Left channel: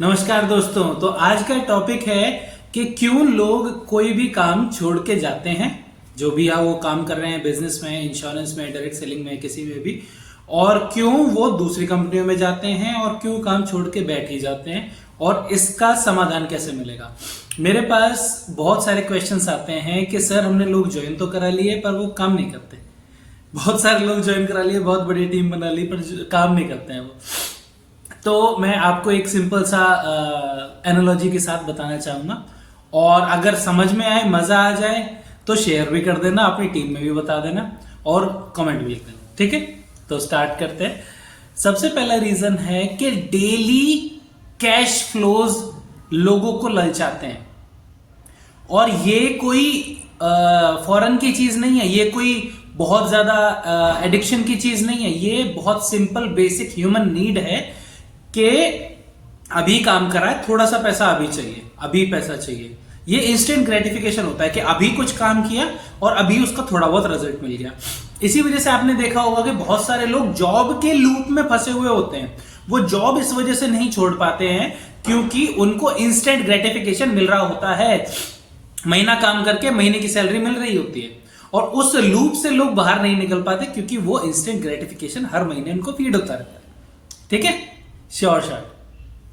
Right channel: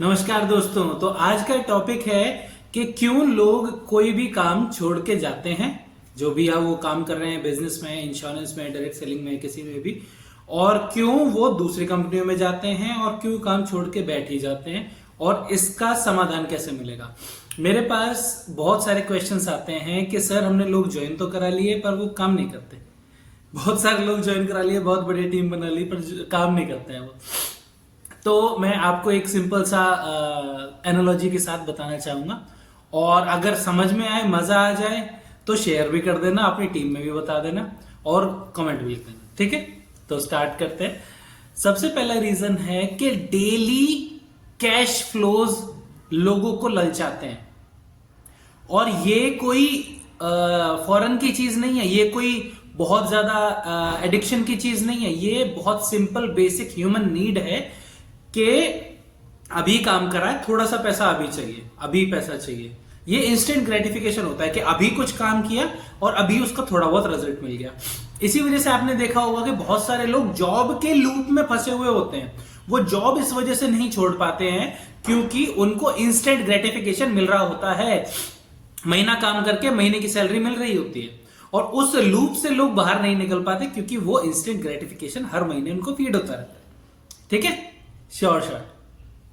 नमस्कार दोस्तों। तो आज का टॉपिक है कि क्यों लोग कोई भी काम छोड़ के जाते हैं, जो भी है वो काम कर रहे हैं, बिजनेस में, इंश्योरेंस में, डायरेक्ट सेलिंग में, किसी में भी, और क्यों वो दूसरी कंपनियों में जाते हैं और क्यों काम छोड़ के बैठ ही जाते हैं और इसका समाधान कैसे मिलेगा। मेरे पास बहुत सारे क्वेश्चंस आते हैं कि सर हमने लोग ज्वाइन तो करा लिए पर वो काम नहीं करते। बहुत सारे लोग ज्वाइन करा लिए, बहुत बड़ी टीम बना ली, पर काम नहीं करते हैं वो। तो मैं आपको एक सिंपल सा एनालॉजी के साथ बताना चाहूंगा, और अगर समझ में आए, मजा आ जाए तो शेयर भी कर देना, अपनी टीम में भी बता देना और कमेंट भी लिख देना। ठीक है, तो स्टार्ट करते हैं। सबसे पहला रीजन है कि डेली कैश फ्लोज लोगों को ललचाते हैं, और ये कोई फॉरेन की चीज नहीं है, ये कोई बहुत ज्यादा एडिक्शन की चीज नहीं है, ये बहुत सिंपल बेसिक ह्यूमन नीड है कि अभी काम करा है, थोड़ा सा पैसा अभी चाहिए, अभी पैसा चाहिए। ये इंस्टेंट ग्रेटिफिकेशन होता है कि अभी कुछ काम किया और अभी उसका थोड़ा बहुत रिजल्ट मिल गया। इसी वजह से आपने देखा होगा कि बहुत सारे लोग जॉब के लूप में फंसे हुए होते हैं। वो जॉब इस वजह से नहीं छोड़ पाते हैं क्योंकि उनको इंस्टेंट ग्रेटिफिकेशन मिल रहा होता है। महीना काम करके महीने की सैलरी मिल रही होती है, और उस लूप से लोग बाहर नहीं निकल पाते क्योंकि वो इंस्टेंट ग्रेटिफिकेशन हर महीने उनको फीड होता रहता है। ठीक है, श्योर।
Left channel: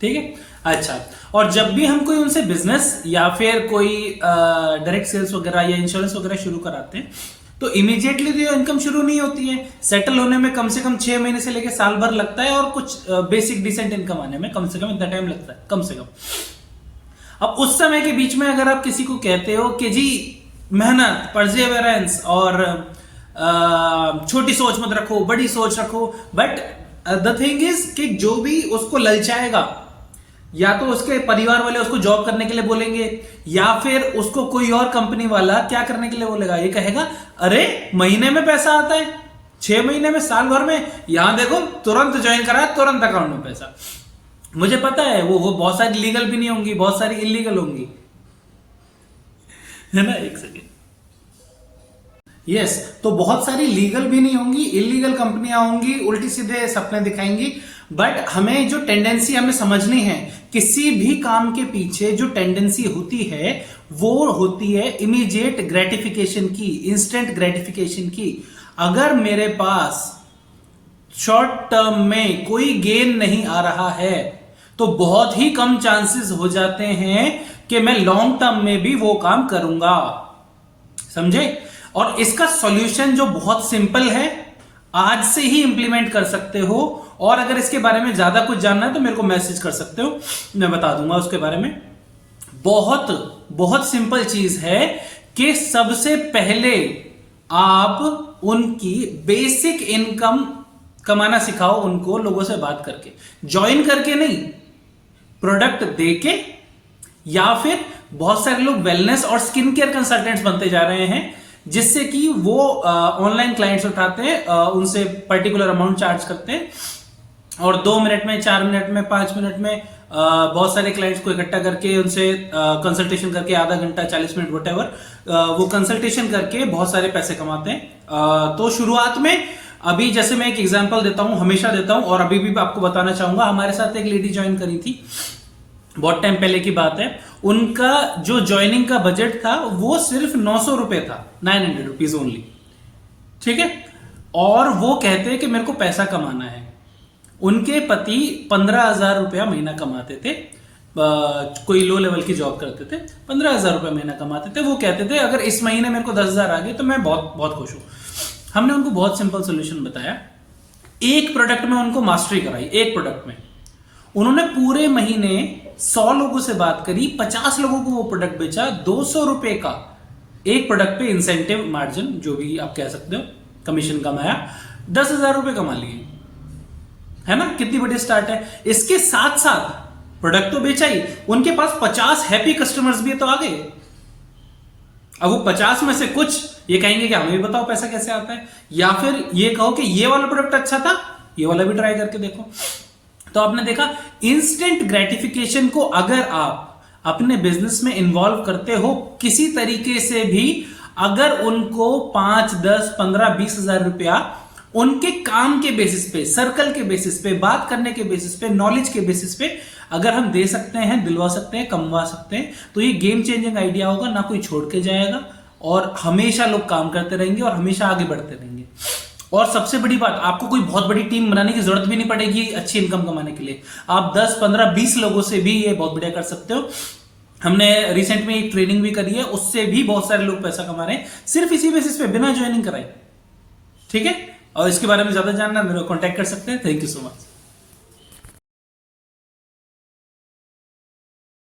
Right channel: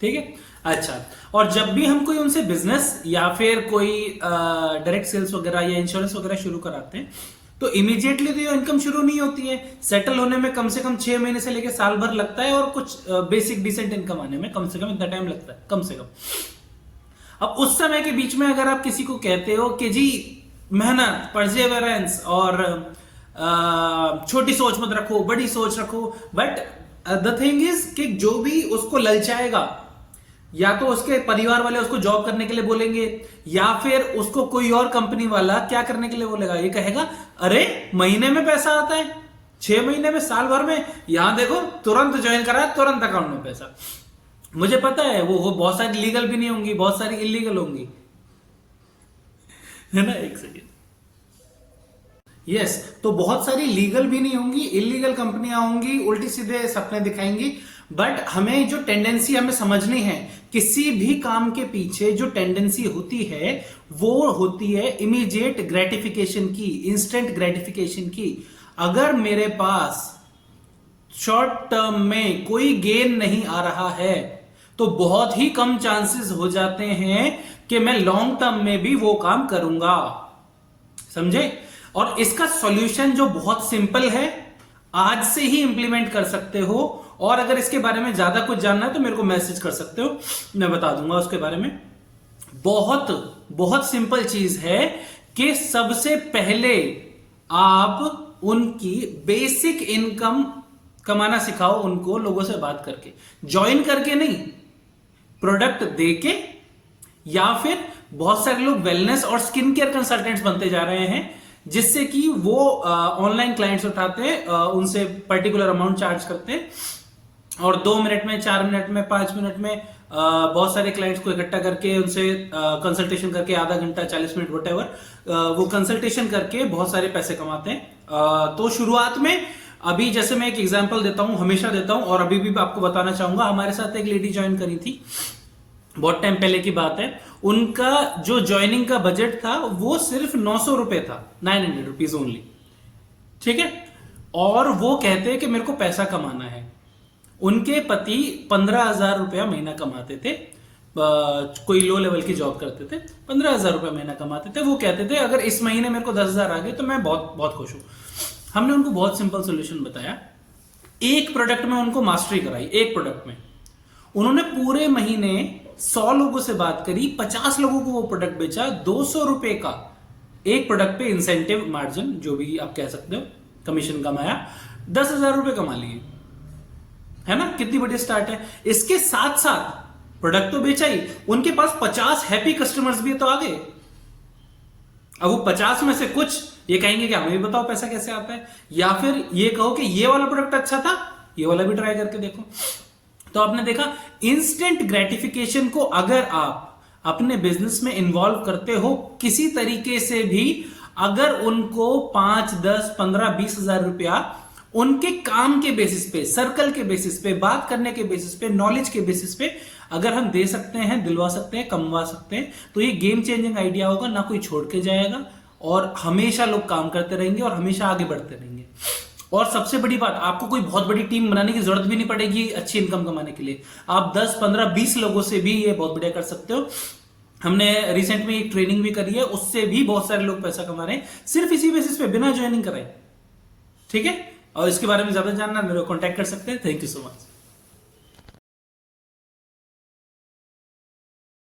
ठीक है, अच्छा। और जब भी हम कोई उनसे बिजनेस या फिर कोई डायरेक्ट सेल्स वगैरह या इंश्योरेंस वगैरह शुरू कराते हैं तो इमीडिएटली तो इनकम शुरू नहीं होती है। सेटल होने में कम से कम 6 महीने से लेकर साल भर लगता है, और कुछ बेसिक डिसेंट इनकम आने में कम से कम इतना टाइम लगता है, कम से कम। अब उस समय के बीच में अगर आप किसी को कहते हो कि जी मेहनत, परसेवरेंस और छोटी सोच मत रखो, बड़ी सोच रखो, बट द थिंग इज कि जो भी उसको ललचाएगा, या तो उसके परिवार वाले उसको जॉब करने के लिए बोलेंगे, या फिर उसको कोई और कंपनी वाला क्या करने के लिए बोलेगा, ये कहेगा अरे महीने में पैसा आता है, 6 महीने में, साल भर में, यहां देखो तुरंत ज्वाइन करा, तुरंत अकाउंट में पैसा। मुझे पता है वो बहुत सारी लीगल भी नहीं होंगी, बहुत सारी इलीगल होंगी, है ना। एक सेकेंड। यस, तो बहुत सारी लीगल भी नहीं होंगी, इलीगल कंपनियां होंगी, उल्टी सीधे सपने दिखाएंगी। बट हमें जो टेंडेंसी हमें समझनी है, किसी भी काम के पीछे जो टेंडेंसी होती है वो होती है इमीडिएट ग्रेटिफिकेशन की, इंस्टेंट ग्रेटिफिकेशन की। अगर मेरे पास शॉर्ट टर्म में कोई गेन नहीं आ रहा है तो बहुत ही कम चांसेस हो जाते हैं कि मैं लॉन्ग टर्म में भी वो काम करूंगा। समझे? और इसका सॉल्यूशन जो बहुत सिंपल है, आज से ही इंप्लीमेंट कर सकते हो, और अगर इसके बारे में ज्यादा कुछ जानना है तो मेरे को मैसेज कर सकते हो, मैं बता दूंगा उसके बारे में। बहुत बहुत सिंपल चीज है कि सबसे पहले आप उनकी बेसिक इनकम कमाना सिखाओ उनको, लोगों से बात करके, ज्वाइन करके नहीं, प्रोडक्ट देके। या फिर बहुत सारे लोग वेलनेस और स्किन केयर कंसल्टेंट्स बनते जा रहे हैं, जिससे कि वो ऑनलाइन क्लाइंट्स उठाते हैं, उनसे पर्टिकुलर अमाउंट चार्ज करते हैं, और 2 मिनट में, 4 मिनट में, 5 मिनट में बहुत सारे क्लाइंट्स को इकट्ठा करके उनसे कंसल्टेशन करके, आधा घंटा, 40 मिनट, व्हाटएवर, वो कंसल्टेशन करके बहुत सारे पैसे कमाते हैं। तो शुरुआत में, अभी जैसे मैं एक एग्जांपल देता हूं, हमेशा देता हूं, और अभी भी आपको बताना चाहूंगा, हमारे साथ एक लेडी ज्वाइन करी थी, बहुत टाइम पहले की बात है। उनका जो ज्वाइनिंग का बजट था वो सिर्फ 900 रुपए था, 900 रुपीज ओनली। ठीक है, और वो कहते हैं कि मेरे को पैसा कमाना है। उनके पति 15,000 रुपया महीना कमाते थे, कोई लो लेवल की जॉब करते थे, 15,000 रुपया महीना कमाते थे। वो कहते थे अगर इस महीने मेरे को 10,000 आ गए तो मैं बहुत बहुत खुश हूं। हमने उनको बहुत सिंपल सोल्यूशन बताया, एक प्रोडक्ट में उनको मास्टरी कराई। एक प्रोडक्ट में उन्होंने पूरे महीने 100 लोगों से बात करी, 50 लोगों को वो प्रोडक्ट बेचा, 200 रुपए का एक प्रोडक्ट पे इंसेंटिव मार्जिन, जो भी आप कह सकते हो, कमीशन कमाया, 10,000 रुपए कमा लिए, है ना। कितनी बड़ी स्टार्ट है। इसके साथ साथ प्रोडक्ट तो बेचा ही, उनके पास 50 हैप्पी कस्टमर्स भी तो आ गए। अब वो 50 में से कुछ ये कहेंगे कि हमें भी बताओ पैसा कैसे आता है, या फिर ये कहो कि ये वाला प्रोडक्ट अच्छा था, ये वाला भी ट्राई करके देखो। तो आपने देखा, इंस्टेंट ग्रेटिफिकेशन को अगर आप अपने बिजनेस में इन्वॉल्व करते हो किसी तरीके से भी, अगर उनको 5, 10, 15, 20 हजार रुपया उनके काम के बेसिस पे, सर्कल के बेसिस पे, बात करने के बेसिस पे, नॉलेज के बेसिस पे अगर हम दे सकते हैं, दिलवा सकते हैं, कमवा सकते हैं, तो ये गेम चेंजिंग आइडिया होगा, ना कोई छोड़ के जाएगा और हमेशा लोग काम करते रहेंगे और हमेशा आगे बढ़ते रहेंगे। और सबसे बड़ी बात, आपको कोई बहुत बड़ी टीम बनाने की जरूरत भी नहीं पड़ेगी अच्छी इनकम कमाने के लिए। आप 10, 15, 20 लोगों से भी ये बहुत बढ़िया कर सकते हो। हमने रिसेंट में एक ट्रेनिंग भी करी है, उससे भी बहुत सारे लोग पैसा कमा रहे हैं सिर्फ इसी बेसिस पे, बिना ज्वाइनिंग कराए। ठीक है, और इसके बारे में ज्यादा जानना मेरे को कांटेक्ट कर सकते हैं। Thank you so much.